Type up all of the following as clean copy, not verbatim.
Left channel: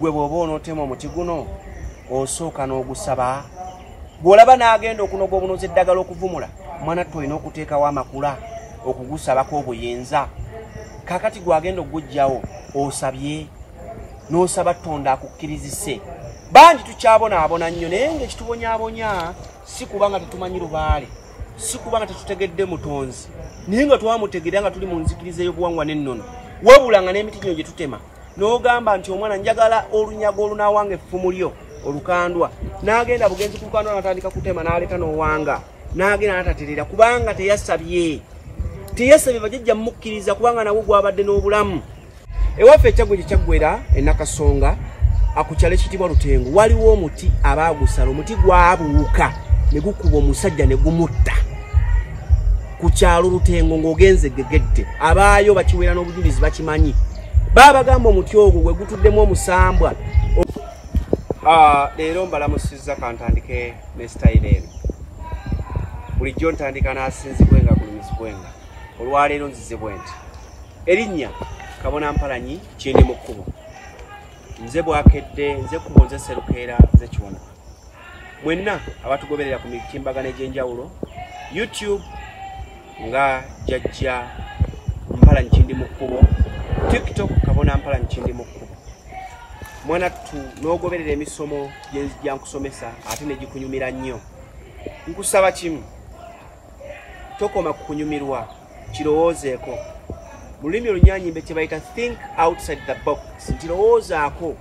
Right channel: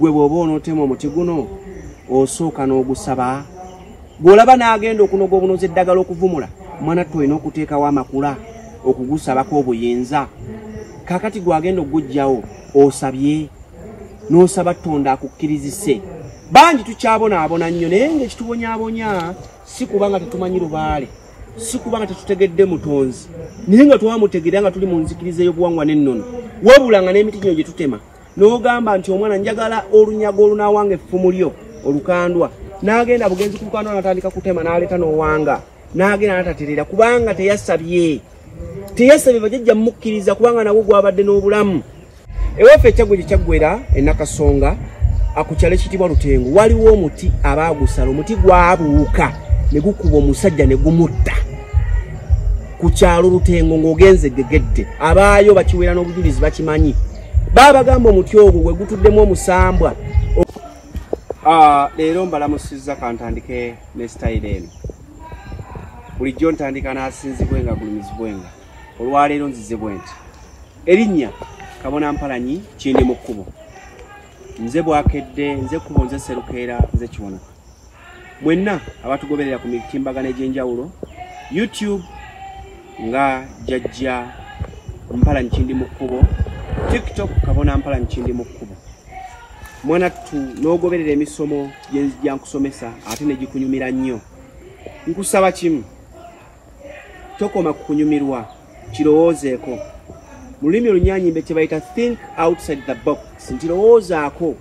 Gwe bwoba onootema omuti guno osooka n'ogusaba. Bw'olaba n'agenda okunoga obunozi eddagala okuvumula, mwana tulina okuteekawo amakula okugusabako obuyinza. Kaakati gwagenda okugujjawo osabye n'osaba Katonda akukkirizise. Bangi tukyabonaabona nnyo naye ng'ekitubonyaabonya si kubanga tetumanyi lubaale, si kubanga tetutegedde mutonzi, naye nga twamutegeera nga tuli mu nzikiriza y'obuwangwa n'ennono. Wabula nga n'emiti gino gye tutema n'ogamba nti omwana njagala olunyago olunaawanga effumu lyo olukandwa, n'agenda bugenzi ku lukandwa n'atandika kutema n'aleeta n'owanga, n'agenda n'ataterera kubanga teyasabye bajjajja mmukkiriza kubanga nawe gwabadde n'obulamu. Ewaffe ekyagwe gye kyaggwera Nakasonga akukyalo ekitibwa Lutengo waliwo omuti abaagusala, omuti gwabuuka ne gukuba omusajja ne gumutta ku kyalo Lutengo ng'ogenze Gegedde. Abaayo bakiwera n'obujulizi bakimanyi. Babagamba omuti ogwo gwe gutuddemu omusambwa. Leero mbalamusizza kantandike ne style eno. Bulijjo ntandika n'asinzibwenga kulumizibwenga. Olwaleero nzize bwenti. Erinnya Kabona Mpalanyi Kindimukubo. Nze Bwakedde, nze Kubo, nze Serukeera, nze Kiwona. Mwenna abatugoberera ku mitimbagano egy'enjawulo, YouTube nga Jajja Mpalanyi Kindimukubo, TikTok Kabona Mpalanyi Kindimukubo. Mwana tu n'ogoberera emisomo gye nkusomesa ate ne gikunyumira nnyo. Nkusaba kimu, tokoma kukunyumirwa, kirowoozeeko. Mu lulimi olunyanyimbe kye bayita think outside the box. Ntirowoozaako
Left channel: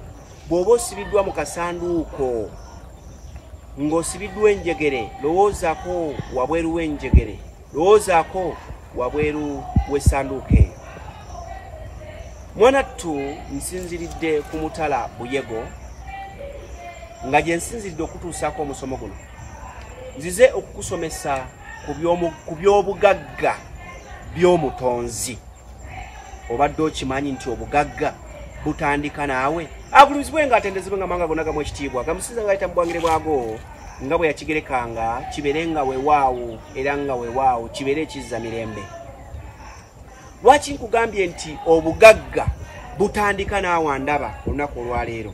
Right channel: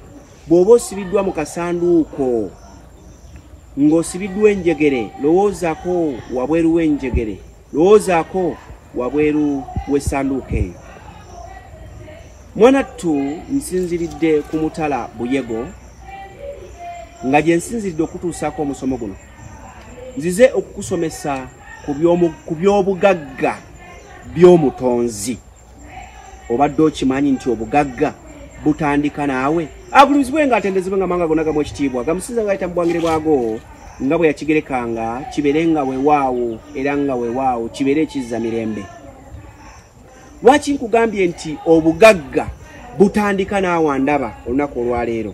bw'oba osibiddwa mu kasanduuko ng'osibiddwa enjegere, lowoozaako wabweru w'enjegere, lowoozaako wabweru w'essanduuko eyo. Mwana tu nsinziridde ku Mutala Buyego nga gye nsinziridde okutuusaako omusomo guno. Nzize okukusomesa ku by'obugagga by'omutonzi. Obadde okimanyi nti obugagga butandika naawe? Agulumizibwenga atendezibwenga amawanga gonna gamu ekitiibwa, gamusinza ng'ayita mu bwangire bwago nga bwe yakigerekanga, kibeere nga weewaawo era nga weewaawo kibeere ekizza mirembe. Lwaki nkugambye nti obugagga butandika naawe andaba olunaku olwaleero?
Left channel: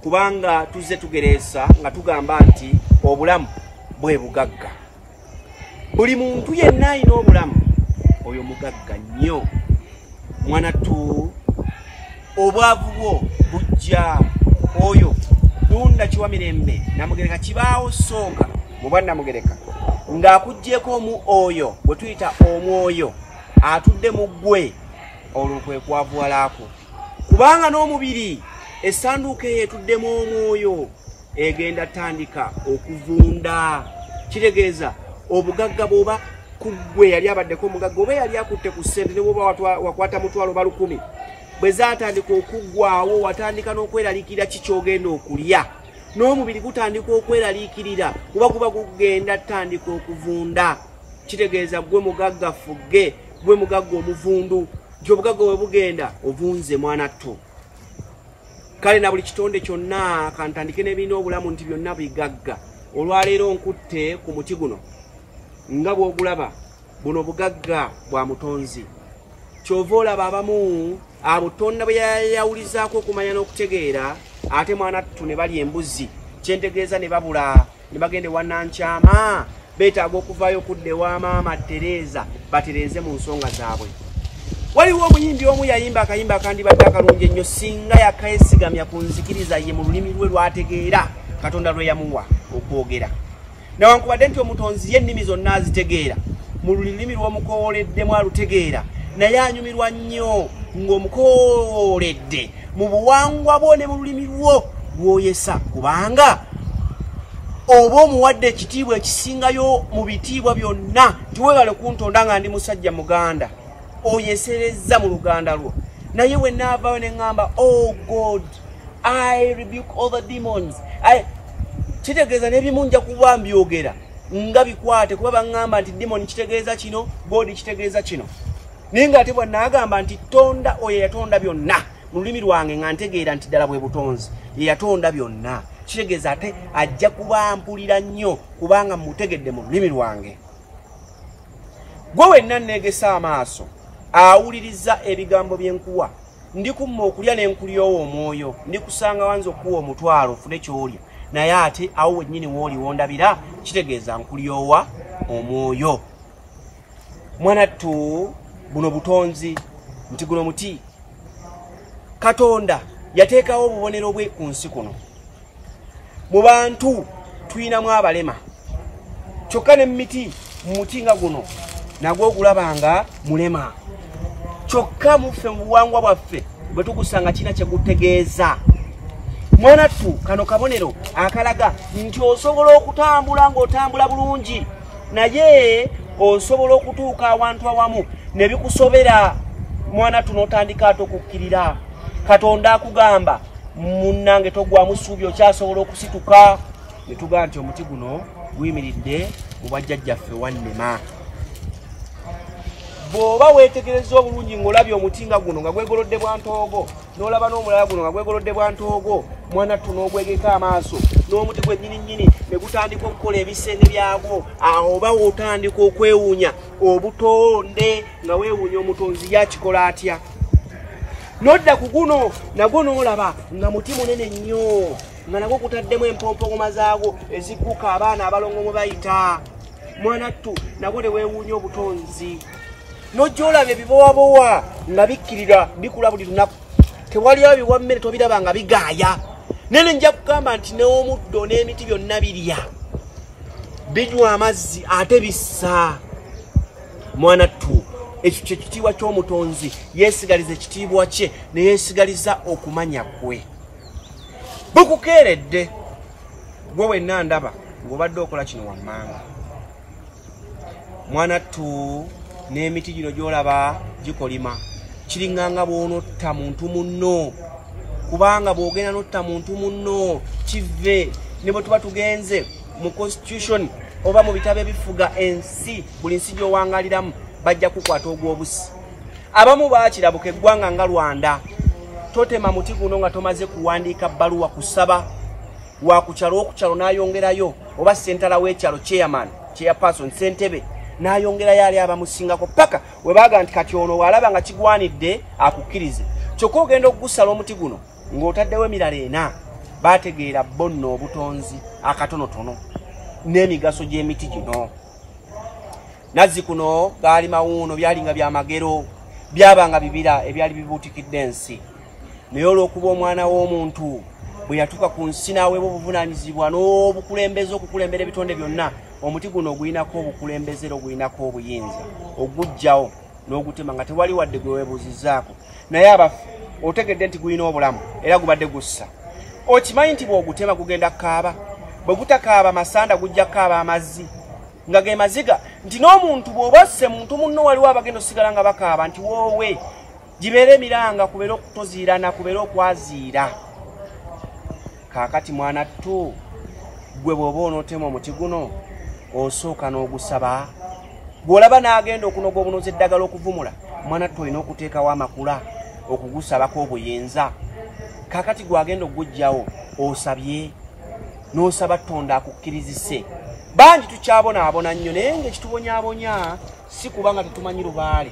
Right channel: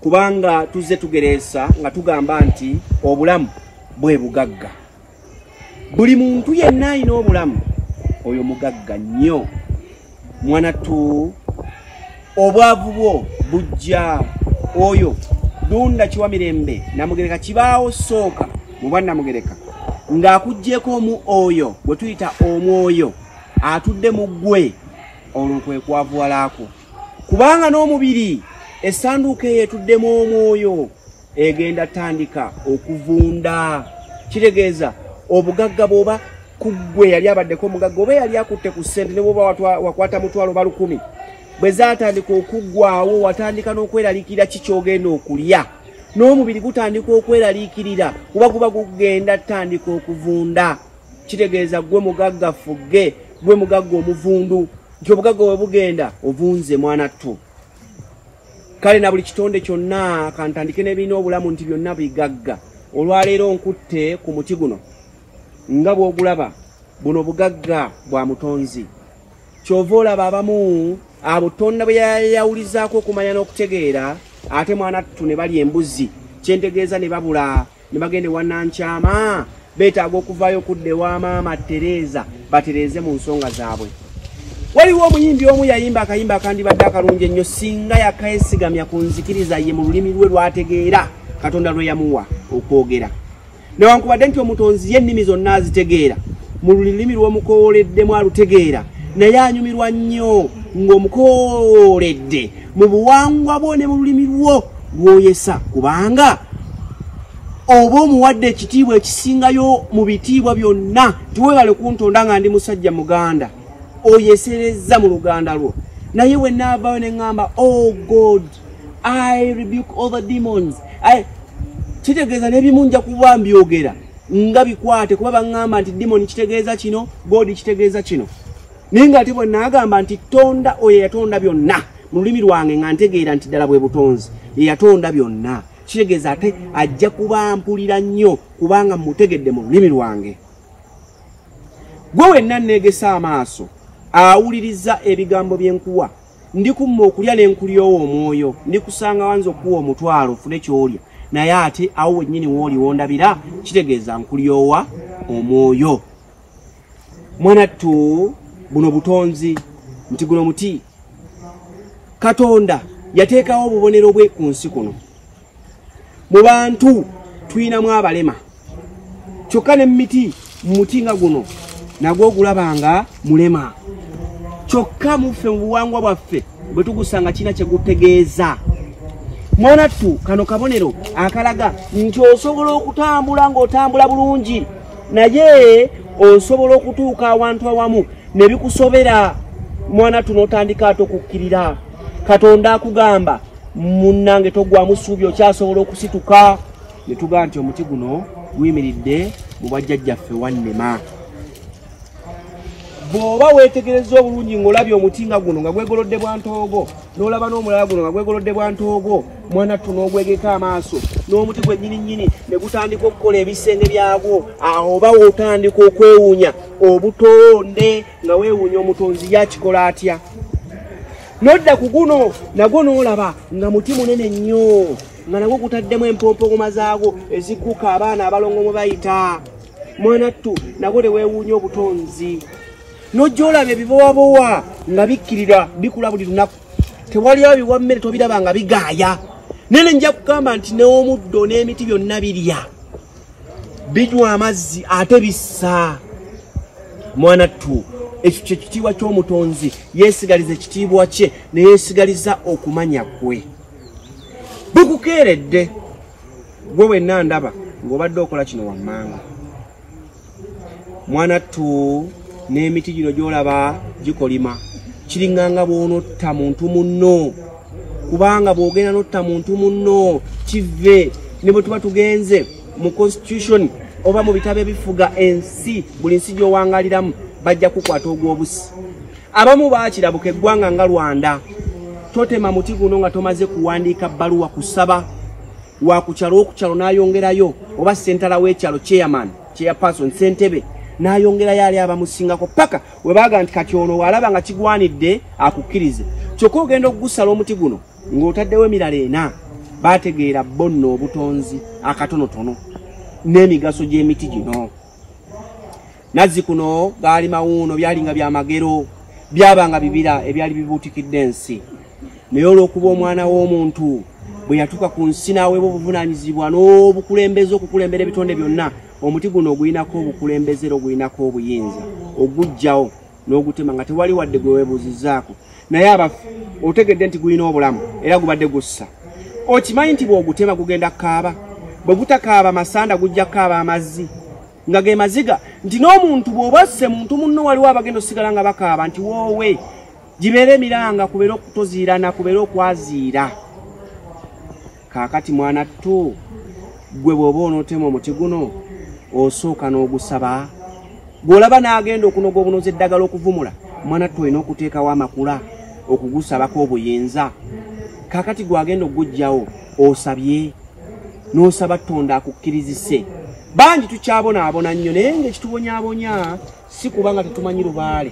Kubanga tuzze tugereesa nga tugamba nti obulamu bwe bugagga. Buli muntu yenna alina obulamu, oyo mugagga nnyo. Mwana tu obwavu bwo bujja, oyo Dunda Mirembe Namugereka kibaawo sooka mu bannamugereka ng'akuggyeko omu oyo bwe tuyita omwoyo atudde mu ggwe, olwo kwe kwavuwalaako. Kubanga n'omubiri essanduuko eyo etuddemu omwoyo egenda tandika okuvunda. Kitegeeza obugagga bw'oba ku ggwe yali abaddeko omugagga oba yali akutte ku ssente ne bw'oba wakwata mutwalo ba 10, bwe zaatandika okuggwaawo watandika n'okweraliikirira ki ky'ogenda okulya, n'omubiri gutandika okweraliikirira kuba kuba gugenda tandika okuvunda. Kitegeeza gwe mugagga fugge, gwe mugagga omuvundu, nti obugagga bwe bugenda ovunze mwana tu. Kale na buli kitonde kyonna kantandike n'ebirina obulamu nti byonna bigagga. Olwaleero nkutte ku muti guno nga bw'ogulaba, buno bugagga bwa mutonzi. Kyova olaba abamu abo Tonda bwe yayawulizaako okumanya n'okutegeera, ate mwana tu ne balya embuzi, kyentegeeza ne babula, ne bagenda ewa Nankyama, beetaaga okuvaayo okudda ewa maama Tereza batereeze mu nsonga zaabwe. Waliwo omuyimbi omu yayimba akayimba akandibadde akalungi ennyo singa yakayesigamya ku nzikiriza ye mu lulimi lwe lw'ategeera Katonda lwe yamuwa okwogera. Newankubadde nti omutonzi y'ennimi zonna azitegeera, mu lulimi lw'omukooleddemu alutegeera, naye anyumirwa nnyo ng'omukooledde mu buwangwa bwo ne mu lulimi lwo lw'oyesa, kubanga oba omuwadde ekitiibwa ekisingayo mu bitiibwa byonna. Tiwebale kuntonda nga ndi musajja muganda, oyeserezza mu luganda lwo. Naye we naavaayo ne ŋŋamba, oh God, I rebuke all the demons. Kitegeeza n'ebimu nja kuba mbyogera nga bikwate kuba baŋŋamba nti demon kitegeeza kino, God kitegeeza kino. Naye ng'ate bwe naagamba nti Tonda oyo yatonda byonna mu lulimi lwange nga ntegeera nti ddala bwe butonzi ye yatonda byonna. Kitegeeza ate ajja kuba mpulira nnyo kubanga mutegedde mu lulimi lwange. Gwe wenna nneegesa amaaso awuliriza ebigambo byenkuwa ndikumma okulya n'enkulyowo omwoyo ndikusanga wanza okuwa omutwalo ofune kyolya naye ate awo wennyini wooli wondabira kitegeeza nkulyowa omwoyo. Mwanattu buno butonzi nti guno muti Katonda yateekawo obubonero bwe ku nsi kuno. Mu bantu tuyinamu abalema kyokka ne miti muti nga guno nagwo ogulabanga mulema kyokka muffe mu buwangwa bwaffe bwe tugusanga kina kye gutegeeza. Mwanattu kano kabonero akalaga nti osobola okutambula ng'otambula bulungi naye osobola okutuuka awantu awamu ne bikusobera. Mwanattu n'otandika ate okukkirira. Katonda akugamba munnange togwamu ssuubi okyasobola okusituka. Ne tugamba nti omuti guno guyimiridde mu bwajjajjaffe wannema. Bw'oba weetegereza obulungi ng'olabye omuti nga guno nga gwegolodde bwa ntoogo n'olaba n'omulala guno nga gwegolodde bwa ntoogo, Mwanattu n'ogwegeka amaaso n'omuti gwe nnyini ne gutandika okukola ebisenge byagwo, aho oba w'otandika okwewuunya obutonde nga weewuunya omutonzi yakikola atya. Nodda ku guno nagwo n'olaba nga muti munene nnyo nga nagwo gutaddemu empompogoma zaagwo ezigguka abaana abalongo mwe bayita. Mwanattu nagwo ne weewuunya obutonzi. Nojja olaba ebibowabowa nga bikkirira bikula buli lunaku. Tewali abiwa mmere tobiraba nga bigaaya. Nene nja kugamba nti n'omuddo n'emiti byonna birya. Binywa amazzi ate bissa. Mwanattu ekyo kye kitiibwa ky'omutonzi, yeesigaliza ekitiibwa kye ne yeesigaliza okumanya kwe. Bukukeeredde gwe wenna ndaba ng'obadde okola kino wammanga. Mwanattu n'emiti gino gy'olaba gikolima kiringanga bw'onotta muntu munno, kubanga bw'ogenda notta muntu munno kive. Ne bwe tuba tugenze mu constitution oba mu bitabo ebifuga ensi, buli nsi gy'owangaliramu bajja kukwata ogw'obusi. Abamu baakirabuka eggwanga nga Rwanda. Totema muti guno nga tomaze kuwandiika bbaluwa kusaba wa kukyalo okukyalo n'ayongerayo, oba sentala w'ekyalo chairperson ssentebe n'ayongerayo ali abamusingako paka we baaga nti kati ono walaba nga kigwanidde akukkirize. Kyokka ogenda okugusala omuti guno ng'otaddewo emirala ena. Baategeera bo nno obutonzi akatonotono n'emigaso gy'emiti gino. Nazzi kuno gaali mawuuno, byalinga byamagero, byabanga bibira ebyali bibuutikidde ensi. Naye olw'okuba omwana w'omuntu bwe yatuuka ku nsi n'aweebwa obuvunaanyizibwa n'obukulembeze okukulembera ebitonde byonna, omuti guno oguyinako obukulembeze era oguyinako obuyinza oguggyawo n'ogutema nga tewali wadde gwe weebuuzizzaako. Naye abaffe otegedde nti guyina obulamu era gubadde gussa. Okimanyi nti bw'ogutema gugenda kukaaba? Bwe gutakaaba masanda gujja kukaaba amazzi nga ge maziga, nti n'omuntu bw'obasse muntu munno waliwo abagenda osigala nga bakaaba nti woowe gibeere emiranga, kubeere okutoziirana, kubeere okwaziira. Kaakati Mwanattu gwe bw'oba onootema omuti guno osooka n'ogusaba. Bw'olaba n'agenda okunoga obunoza eddagala okuvumula, Mwanattu olina okuteekawo amakula okugusabako obuyinza. Kaakati gwagenda okuggyawo osabye n'osaba Katonda akukkirizise. Bangi tukyabonaabona nnyo naye ng'ekitubonyaabonya si kubanga tetumanyi lubaale,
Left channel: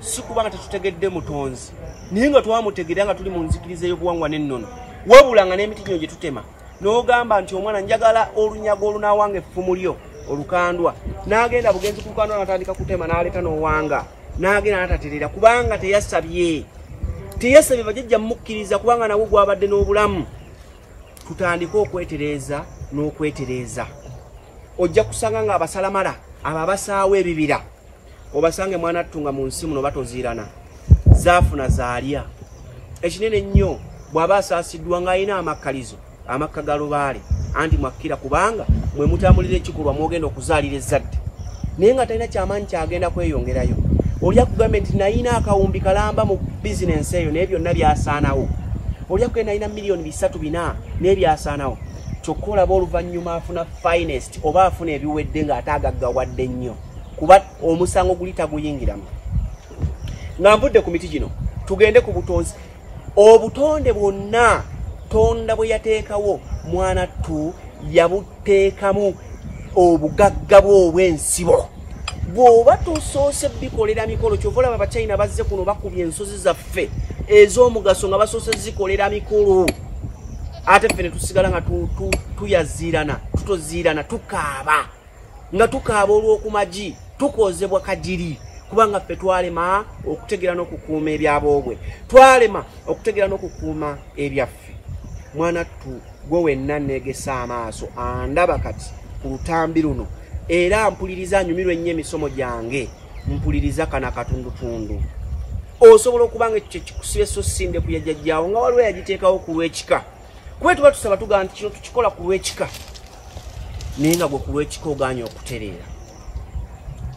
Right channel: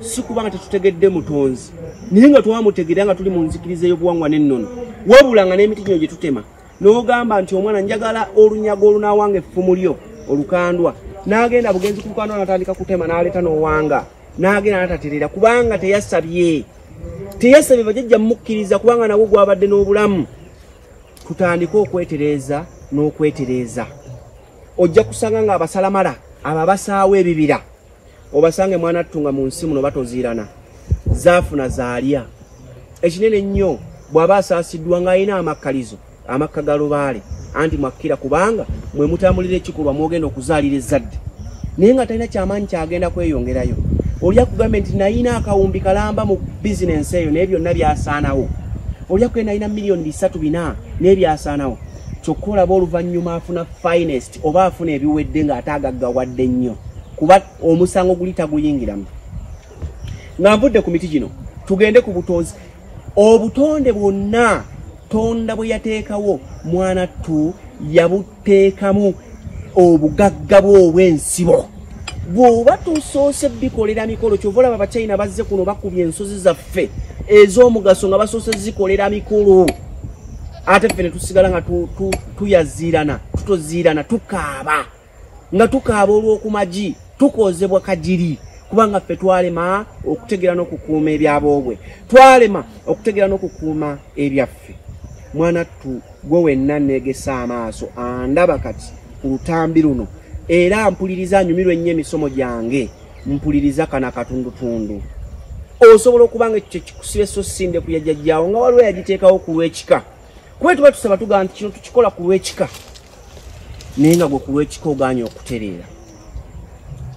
si kubanga tetutegedde mutonzi, naye nga twamutegerera nga tuli mu nzikiriza y'obuwangwa n'ennono. Wabula nga n'emiti gino gye tutema n'ogamba nti omwana njagala olunyago olunaawanga effumu lyo olukandwa, n'agenda bugenzi ku lukandwa n'atandika kutema n'aleeta n'owanga, n'agenda n'ataterera kubanga teyasabye bajjajja mukkiriza kubanga nagwo gwabadde n'obulamu. Tutandike okwetereeza n'okwetereeza. Ojja kusanga nga abasalamala abo abasaawa ebibira obasange Mwanattu nga mu nsi muno batoziirana, zaafuna zaalya. Ekinene ennyo bw'aba asaasiddwa ng'alina amakkalizo amakka ga lubaale anti mwakkira kubanga mwe mutambulira ekikolwa mwogenda okuzaalira ezzadde, naye nga talina kyamaanyi kyagenda kweyongerayo. Olya kugamba nti nayina akawumbi kalamba mu bizinensi eyo naye byonna byasaanawo. Olya kugenda nayina miliyoni 3-4 naye byasaanawo. Kyokka olaba oluvannyuma afuna finest oba afuna ebiwedde ng'ate agaggawadde nnyo kuba omusango guli taguyingiramu. Nga nvudde ku miti gino tugende ku butonzi. Obutonde bwonna Tonda bwe yateekawo Mwanattu yabuteekamu obugagga bw'obwensibo. Bw'oba tusoose bikolera mikolo kyova olaba Abachina bazze kuno bakubye ensozi zaffe ez'omugaso nga basoose zikolera mikulu ate ffe ne tusigala nga tuyaziirana tutoziirana tukaaba nga tukaaba olw'okumagi tukozebwa kajiri kubanga ffe twalema okutegera n'okukuuma ebyaboobwe twalema okutegera n'okukuuma ebyaffe mwana tu gwe wenna neegesa amaaso andaba kati ku lutambi luno era mpuliriza nyumirwa ennyo emisomo gyange mpuliriza kana katundutundu osobola okubanga ekyo kyekikusire so sinde ku yajjajjaawo nga waliwo yagiteekawo ku lw'ekika kuba tuba tusaba tugamba nti kino tukikola ku lw'ekika naye nga gwe ku lw'ekika ogaanye okutereera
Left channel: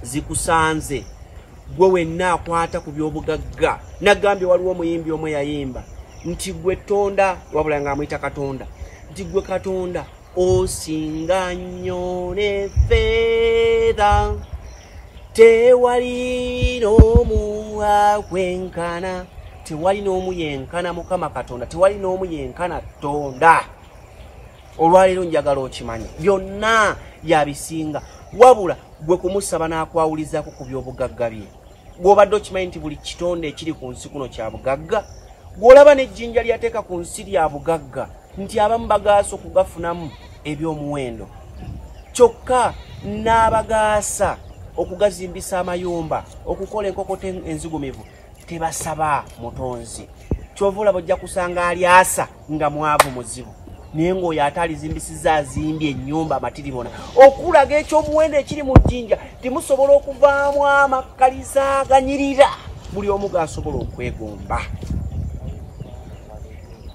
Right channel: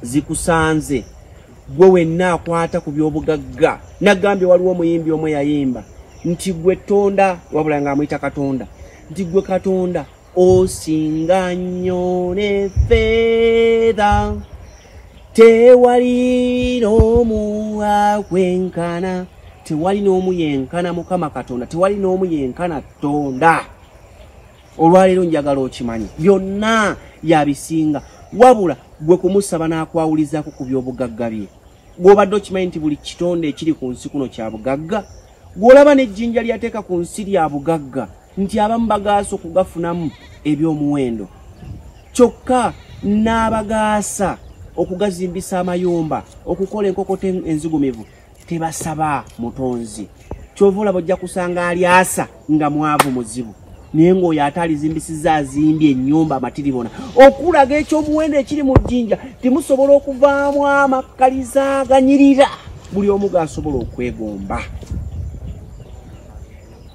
zikusanze gwe wenna akwata ku by'obugagga nagambye waliwo omuyimbi omwe yayimba nti gwe tonda wabula nga amuyita katonda nti gwe katonda osinga nnyo ne ffeeza tewali n'omu akwenkana tewali n'omu yenkana mukama katonda tewali n'omu yenkana tonda olwaleero njagala okimanye byonna yabisinga wabula gwe kumusaba n'akwawulizaako ku by'obugagga bye gw'obadde okimanyi nti buli kitonde ekiri ku nsi kuno kya bugagga gw'olaba n'ejjinja lyateeka ku nsi lya bugagga nti abamu bagaasa okugafunamu eby'omuwendo kyokka n'abagaasa okugazimbisa amayumba okukola enkokote enzigumivu tebasaba mutonzi kyova olaba ojja kusanga alyasa nga mwavu muzibu naye ng'oyo ate alizimbisiza azimbye ennyumba amatiribona okulaga ekyomuwendo ekiri mu jjinja timusobola okuvaamu amakkaliza aganyirira buli omu gaasobola okwegomba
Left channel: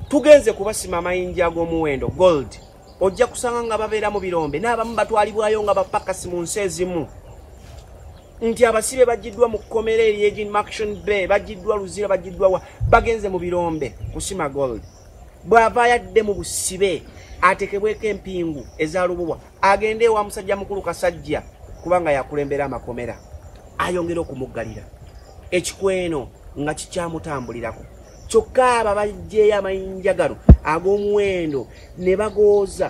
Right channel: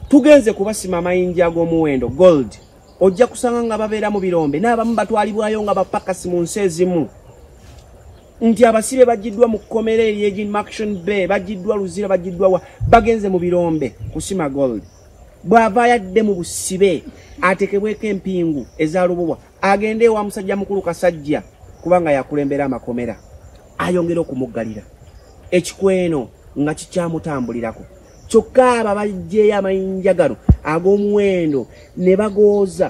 tugenze kubasima amayinja ag'omuwendo gold ojja kusanga nga babeera mu birombe n'abamu batwalibwayo nga bapakasi mu nsi ezimu nti abasibe bagiddwa mu kkomera ery'egi Maction Bay bagiddwa Luzira bagiddwa bagenze mu birombe kusima gold bw'ava yadde mu busibe atekebweko empingu eza lubuwa agende ewa musajja mukulu Kasajja kubanga yakulembera amakomera ayongera okumuggalira ekikweno nga kikyamutambulirako kyokka abo abajjeeyo amayinja gano ag'omuwendo ne bagooza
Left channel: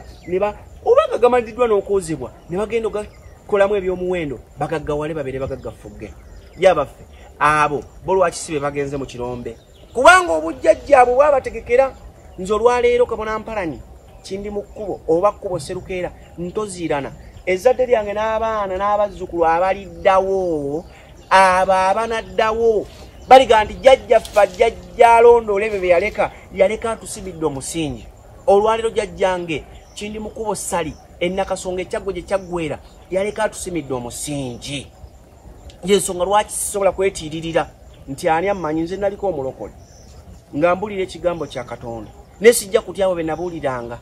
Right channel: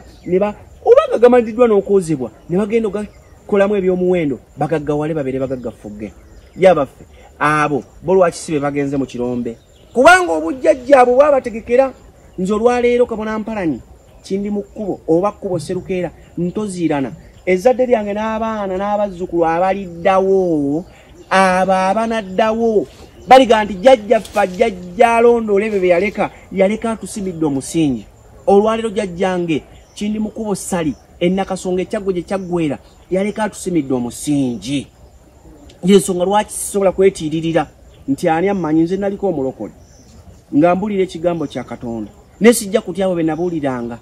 oba gamandiddwa n'okwozebwa ne bagenda okukolamu eby'omuwendo bagaggawale babeere bagaggafugge yabaffe abo bo lwakisibe bagenze mu kirombe kubanga obujjajjaabwe bwabategekera nze olwaleero kabona mpalanyi Kindimukubo oba Kkubo Serukeera ntoziirana ezzadde lyange n'abaana n'abazzukulu abaliddawo abo abanaddawo baliga nti jjajjaffe jjajja alondoole ebyo bye yaleka atusimidde omusingi olwaleero jjajjange Kindimukubo Sali ennakasonga ekyaggo gye kyaggwera yaleka atusimidde omusingi yensonga lwaki sisobola kwetiiririra nti ani ammanyi nze naliko omulokole nga mbulira ekigambo kya Katonda ne sijja kutya abo be nabuuliranga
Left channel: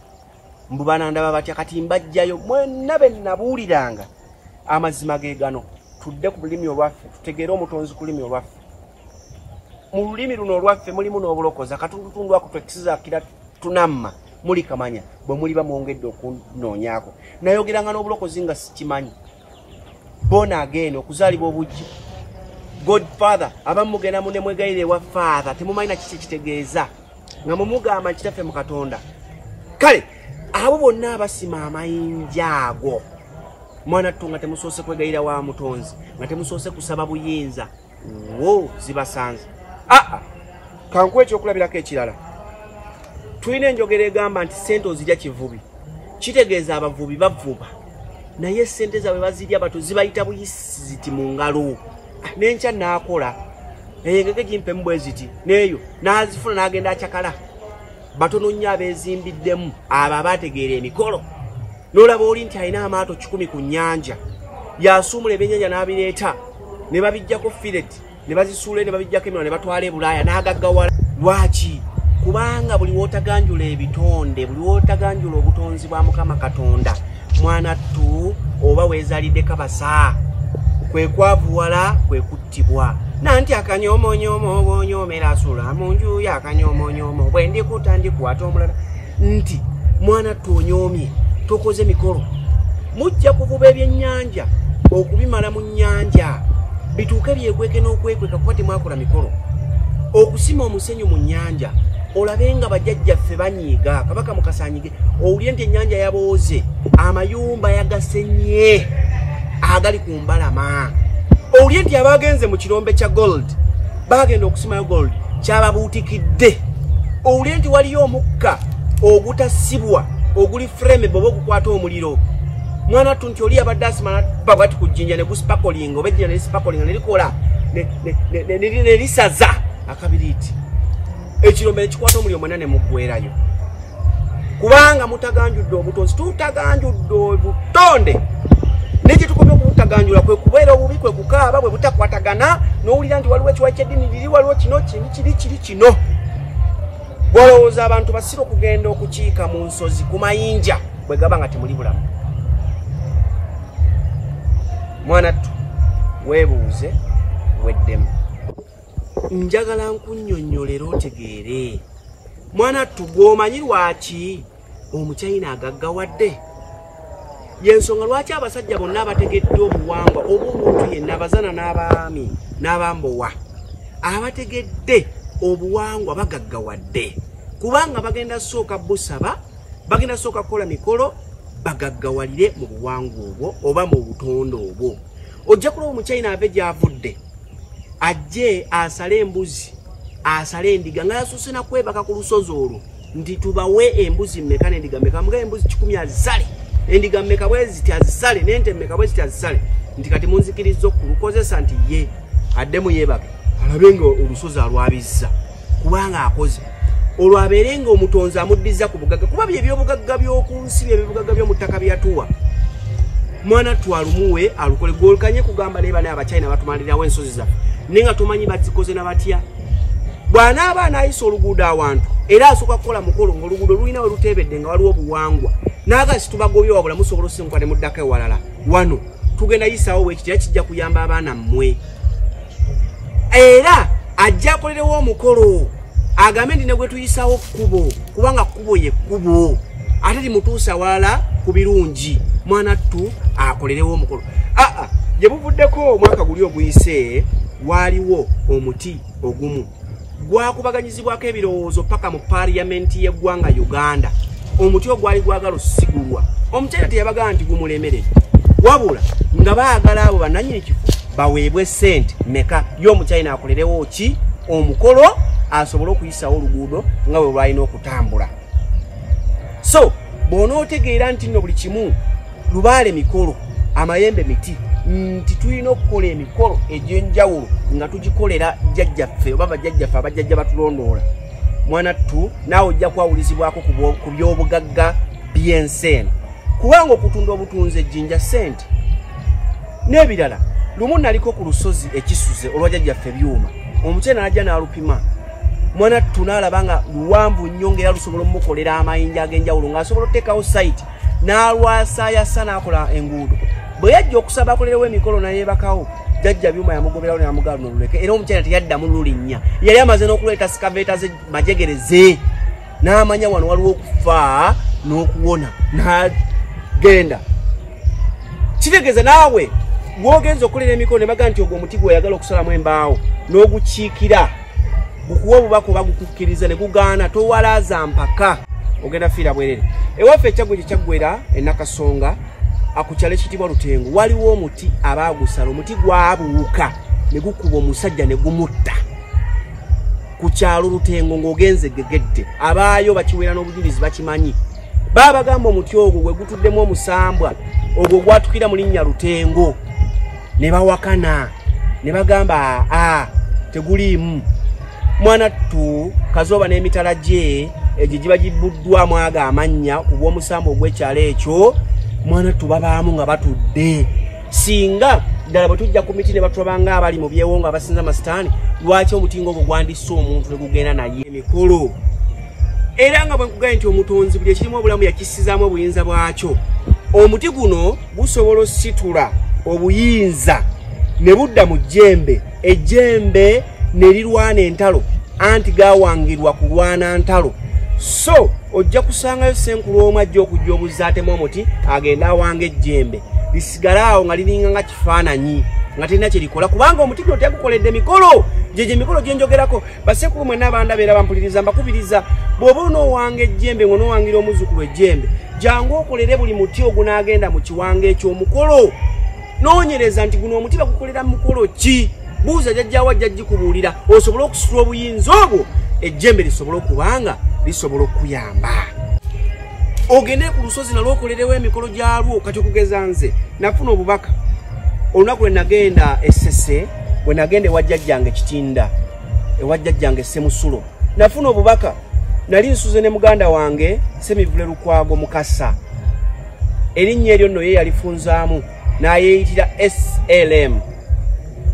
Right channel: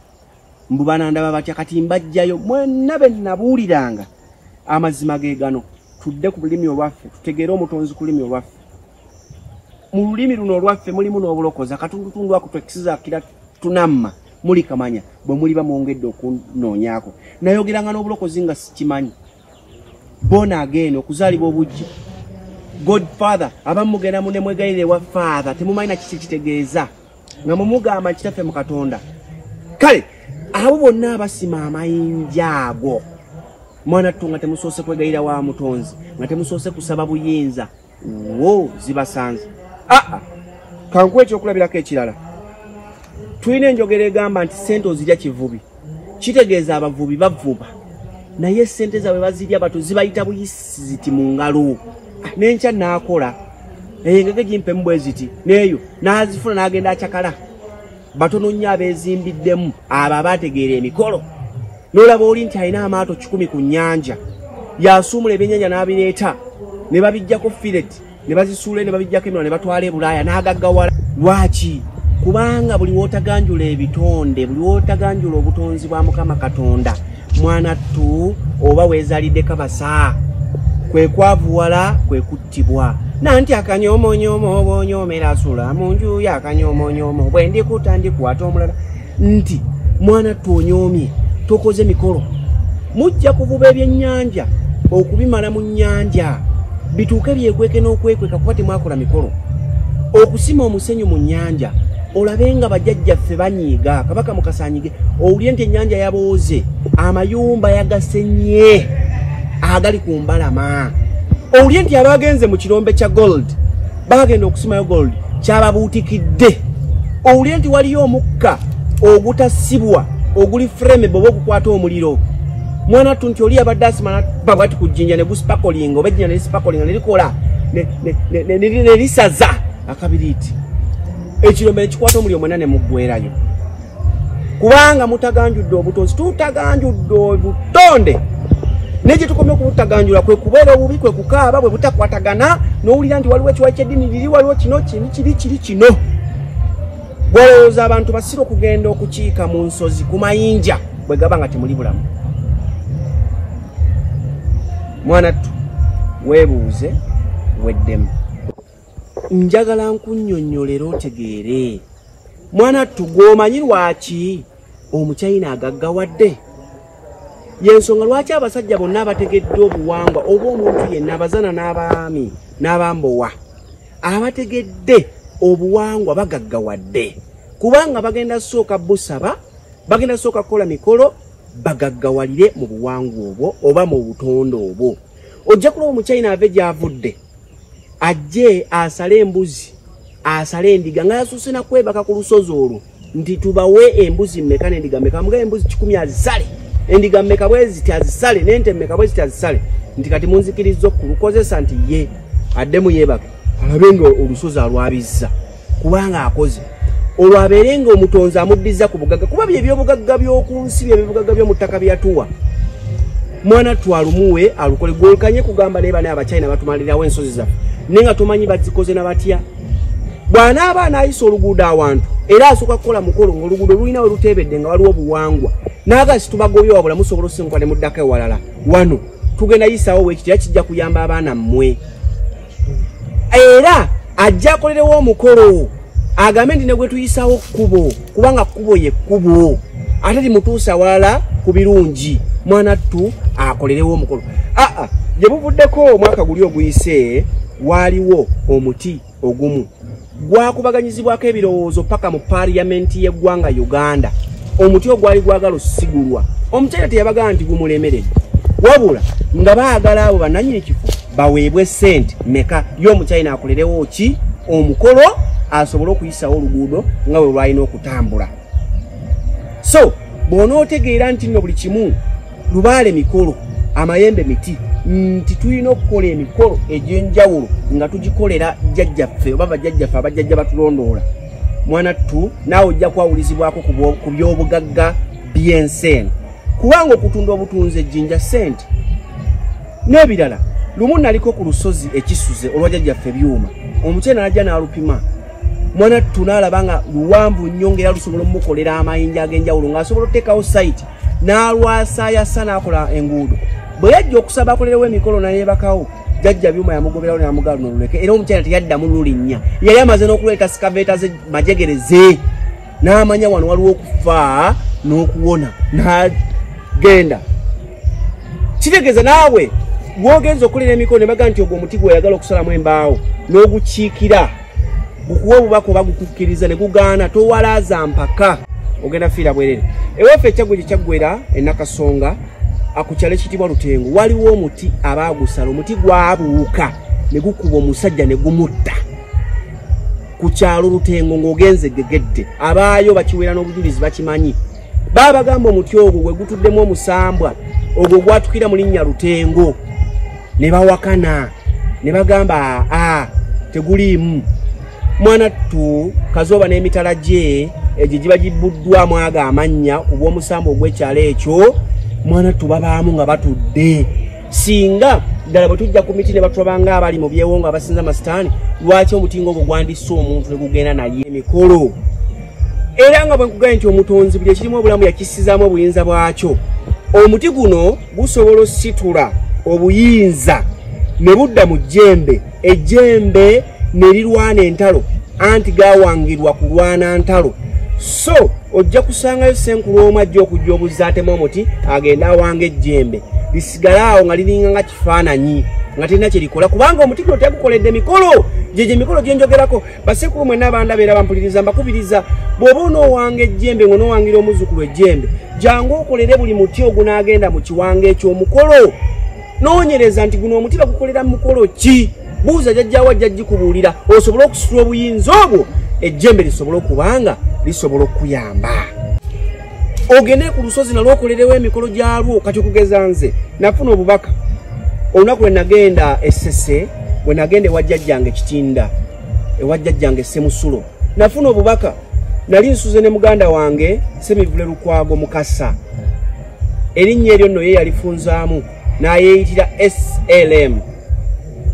mbu banandaba batya kati mbajjayo mwenna be nabuuliranga amazima ge gano tudde ku lulimi olwaffe tutegeere omutonzi ku lulimi olwaffe mu lulimi luno olwaffe mulimu n'obulokozi akatundutundu ako twekisiza kira tunamma muli kamanya bwe muli bamwongedde okunoonyaako nayogeranga n'obulokozi nga sikimanyi bona ageno okuzaalibwa obujjo Godfather abamu mugenda mu ne mwegayire wa father temumanyi na kiki kitegeeza nga mumugamba kitaffe mu Katonda kale abo bonna abasima amayinja ago mwana tu nga temusoose kwegayira wa mutonzi nga temusoose kusaba buyinza wo zibasanze kankuwa ekyokulabirako ekirala tulina enjogera egamba nti sente ozirya kivubi kitegeeza abavubi bavuba naye sente zaabwe bazirya bato zibayita buyisi ziti mu ngalo n'enkya n'akola engege gimpemu bwe ziti neeyo n'azifuna n'agenda akyakala batono nnyo abeezimbiddemu abo abaategeera emikolo n'olaba oli nti alina amaato 10 ku nnyanja yasuumula ebyennyanja n'abireeta ne babijjako filet ne bazisuula ne babijjako emira ne batwala e Bulaaya n'agaggawala lwaki kubanga buli wootaganjula ebitonde buli wootaganjula obutonzi bwa Mukama Katonda mwana tu oba weezaalidde kabasa kwe kwavuwala kwe kuttibwa nanti akanyoomonyomo obonyoomera asula mu nju yakanyoomonyomo bwe ndikuta ndikwata omulala nti mwana tu onyoomye tokoze mikolo mujja kuvuba ebyennyanja okubimala mu nnyanja bituuke byekweke n'okwekweka kuba temwakola mikolo okusima omusenyu mu nnyanja olabe nga bajjajjaffe banyiiga kabaka mukasaanyige owulye nti ennyanja yabooze amayumba yagasenye agali ku mbalama owulye nti abagenze mu kirombe kya gold bagenda okusimayo gold kyababuutikidde owulire nti waliyo omukka ogutasibwa oguli frame bobo okukwata omuliro mwana tu nti oli abadde asimala babwati kujjinja ne guspakolinga oba ejjinja ne spakolinga ne likola ne lisaza akabiriiti ekirombe ekikwata omuliro mwena ne muggwerayo kubanga mutaganjudde obutonzi tutaganjudde obutonde neje tukomye okubutaganjula kwe kubeera obubi kwe kukaaba bwe butakwatagana n'owulira nti waliwo ekiwayi ky'eddiini liri waliwo kino kiri kino gwolowooza abantu basira okugenda okukiika mu nsozi ku mayinja bwe gaba nga temuli bulamu mwana tu weebuuze weddemu njagala nkunnyonnyolera otegeere mwana tu gw'omanyi lwaki omuchina agaggawadde yensonga lwaki abasajja bonna abategedde obuwangwa oba omuntu yenna abazana n'abaami n'abambowa abategedde obuwangwa bagaggawadde kubanga bagenda sooka busaba bagenda sooka kukola mikolo bagaggawalire mu buwangwa obwo oba mu butonde obwo ojja kulaba omuchina ave gy'avudde ajje asale embuzi asale endiga nga yasuuse na kwebaka ku lusozi olwo nti tubawe embuzi mmeka n'endiga mmeka mugabe embuzi 10 azisale endiga mmeka bwe ziti azisale n'ente mmeka bwe ziti azisale nti kati munzikiriza okulukozesa nti ye addemu yeebaka alabe nga olusozi alwabizza kubanga akoze olwabeere nga omutonzi amuddiza ku bugagga kuba bye by'obugagga by'oku nsi bye bugagga by'omu ttaka byatuwa mwana twalumuwe alukole gwolukanye kugamba ne bana abachina batumalirawo ensozi zaffe nenga tumanyi bazikoze na batya bwana abaana ayisa oluguudo awantu era asooka kukola mukolo ng'oluguudo lulina we lutebedde nga waliwo obuwangwa naagasi tubagobye wabula musobola osinkuka ne muddako ewalala wano tugenda yisawo weekiti era kijja kuyamba abaana mmwe era ajja akolerewo omukolo agambe ndi ne gwe tuyisawo kkubo kubanga kkubo ye kkubo ate limutuusa walala ku birungi mwana tu akolerewo omukolo gye buvuddeko omwaka guli oguyise waaliwo omuti ogumu gwakubaganyizibwako ebirowoozo paka mu parliamenti y'eggwanga Uganda omuti ogwali gwagala osigulwa omukyala teyabagala nti gumulemeredde wabula nga baagala abo bannannyini kifo baweebwe ssente meka y'omuchina akolerewo ki omukolo asobole okuyisawo oluguudo nga bwe lwalina okutambula so bw'onootegeera nti nno buli kimu lubaale mikolo amayembe miti nti tulina okukola emikolo egy'enjawulo nga tugikolera jjajjaffe oba bajjajjaffe abajjajja batulondoola mwana tu naawe ojja kwawulizibwako ku by'obugagga by'ensi eno kubanga okutunda obutunzi ejjinja ssente n'ebirala lumu naliko ku lusozi ekisuze olwa jjajjaffe byuma omukyena najja n'alupima mwana tu n'alaba nga luwanvu nnyo ng'era lusobola omukolera amayinja ag'enjawulo ng'asobola okuteekawo sayiti n'alwasaayasa n'akola enguudo bwe yajja okusaba akolerewo emikolo nayeebakawo jjajja byuma yamugoberawo n'amugala noluleke era omukyala teyaddamu lulinnya yali amaze n'okuleeta sikaveeta ze majegereze n'amanya wano waliwo okufa n'okuwona n'agenda kitegeeza naawe gwogenza okulera emikolo ne baga nti ogwo omuti gw'oyagala okusalamu embaawo n'ogukiikira gukuwa obubaka oba gukukkiriza ne gugaana towalaaza mpaka ogenda fiira bwerere ewaffe ekyaggwe gye kyaggwera enakasonga akukyalo ekitibwa Lutengo waliwo omuti abaagusala omuti gwabuuka ne gukuba omusajja ne gumutta ku kyalo Lutengo ng'ogenze gegedde abaayo bakiweera n'obujulizi bakimanyi baabagamba omuti ogwo gwe gutuddemu omusambwa ogwo gwatukira mu linnya Lutengo ne bawakana ne bagamba teguliimu mwana tu Kazooba n'emitala gye egyo giba gibbuddwamu ago amannya ku bw'omusambo ogw'ekyalo ekyo mwana tu babaamu nga batudde singa ddala bwe tujja ku miti ne batulabanga abali mu byewo nga basinza masitaani lwaki omutingo ogwo gwandisse omuntu ne gugenda naye emikolo era nga bwe nkugambye nti omutonzi buli ekirimu obulamu yakissizaamu obuyinza bwakyo omuti guno gusobola ositula obuyinza ne budda mu jjembe ejjembe ne lirwana entalo anti gaawangirwa kulwana ntalo so ojja kusangayo senkulu omu ajja okujja obuzza atema omuti agenda awanga ejjembe lisigala awo nga liringa nga kifaananyi nga tirina kye likola kubanga omuti guno tegukoledde mikolo gyegyo emikolo gye njogerako basekulu mwenna abandabeera bampuliriza mbakubiriza bw'oba onoowanga ejjembe ng'onoowangira omuzzukulu ejjembe jangu okolere buli muti ogunaagenda mu kiwanga eky'omukolo noonyereza nti guno omuti bagukolera mu mukolo ki buuza jajja wa jajji kubuulira osobola okusitula obuyinza obwo ejjembe lisobola okubanga lisobola okuyamba. Ogende ku lusozi nalwo okolerewo emikolo gyalwo. Kati okugeza nze nafuna obubaka olunaku lwe nagenda Essese, bwe nagenda ewa jjajjange Kitinda, ewa jjajjange Semusulo, nafuna obubaka. Nali nsuze ne muganda wange Semivule Lukwago Mukasa, erinnya eryo nno ye yalifunzaamu n'ayeeyitira SLM.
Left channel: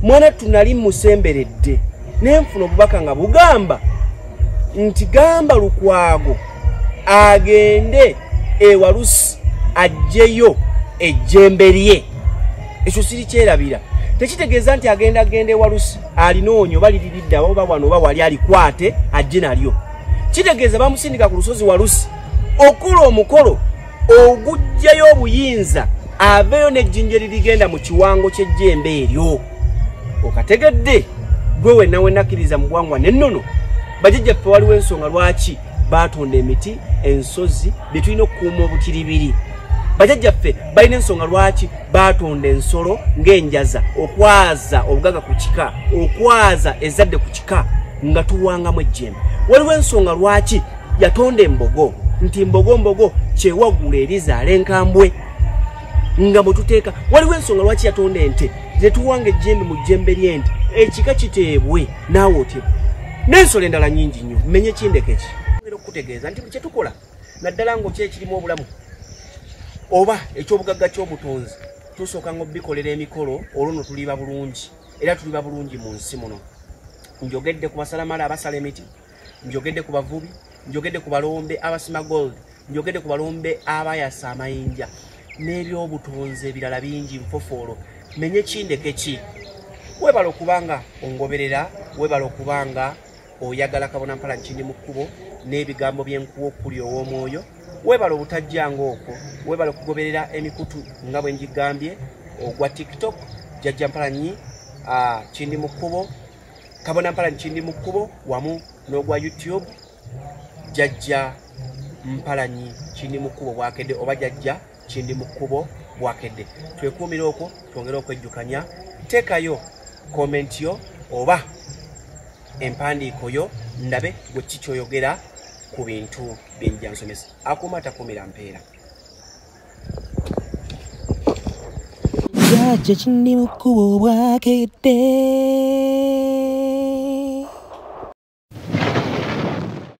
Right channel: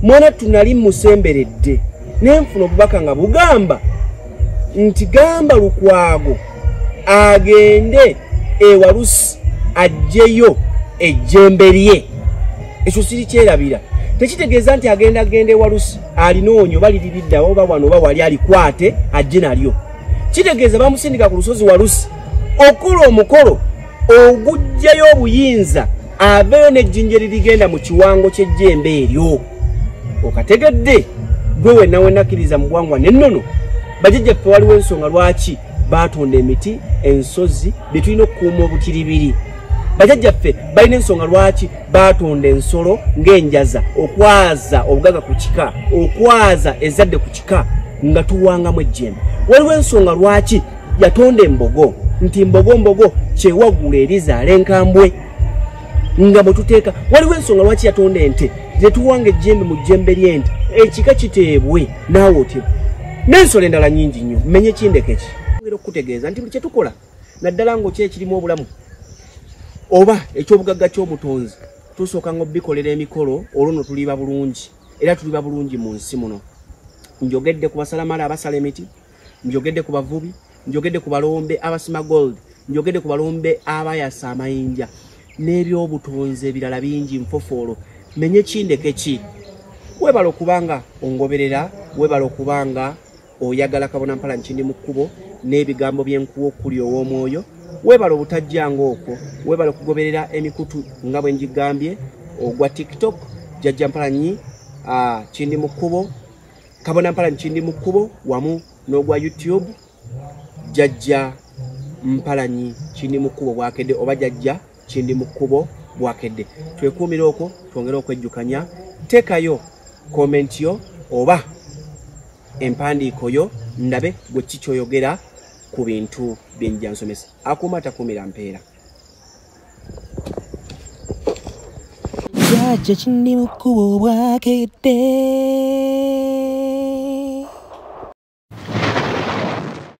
Mwana tunali musemberedde nenfuna obubaka nga bugamba nti gamba Lukwago agende ewalusi ajjeyo ejjembe lye. Ekyo siri kyerabira. Tekitegeeza nti agenda ewalusi alinoonyo baliriridde oba wano oba wali alikwate ajje nalyo. Kitegeeza bamusindika ku lusozi Walusi okukola omukolo ogujjayo obuyinza abeeyo n'ejjinja erigenda mu kiwango ky'ejjembe eryo. Okategedde gwe wennakkiriza mu bwangwa n'ennono. Bajjajjaffe waliwo ensonga lwaki baatonda emiti, ensozi bye tulina okukuuma obutiribiri. Bajjajjaffe balina ensonga lwaki baatonda ensolo ng'enjaza okwaza obugagga ku kika, okwaza ezadde ku kika nga tuwangamu ejjembe. Waliwo ensonga lwaki yatonda embogo, nti mbogo kyewaggula erizaala enkambwe nga bwe tuteeka. Waliwo ensonga lwaki yatonda ente gye tuwanga ejjembe mu jjembe ly'ente ekika kiteebwe naawe otyo. N'ensolo endala nnyingi nnyo. Mmenye kindeke ki okukutegeeza nti buli kye tukola naddala ng'oki ekirimu obulamu oba eky'obugagga ky'obutonzi tusooka ng'obikolera emikolo olwo nno tuliba bulungi era tuliba bulungi mu nsi muno. Njogedde ku basalamala abasala emiti, njogedde ku bavubi, njogedde ku balombe abasima gold, njogedde ku balombe abayasa amayinja n'ebyobutonzi ebirala bingi nfofoolo. Menye kindeke ki. Webala okubanga ongoberera, webala okubanga oyagala Kabona Mpala Kindimukubo n'ebigambo by'enkuwa okuli ow'omwoyo. Webala obutajjanga okwo, webala okugoberera emikutu nga bwe njigambye ogwa TikTok Jajja Mpalanyi Kindimukubo, Kabona Mpala Kindimukubo wamu n'ogwa YouTube Jajja Mpalanyi Kindimukubo bwakedde oba Jajja Kindimukubo bwakedde. Twekuumire okwo, twongere okwejjukanya. Teekayo comment yo oba empandiiko yo ndabe bwe kikyoyogera ku bintu byenjja nsomesa. Akuuma takuumira mpeera. Jajja Kindimukubo bwakedde.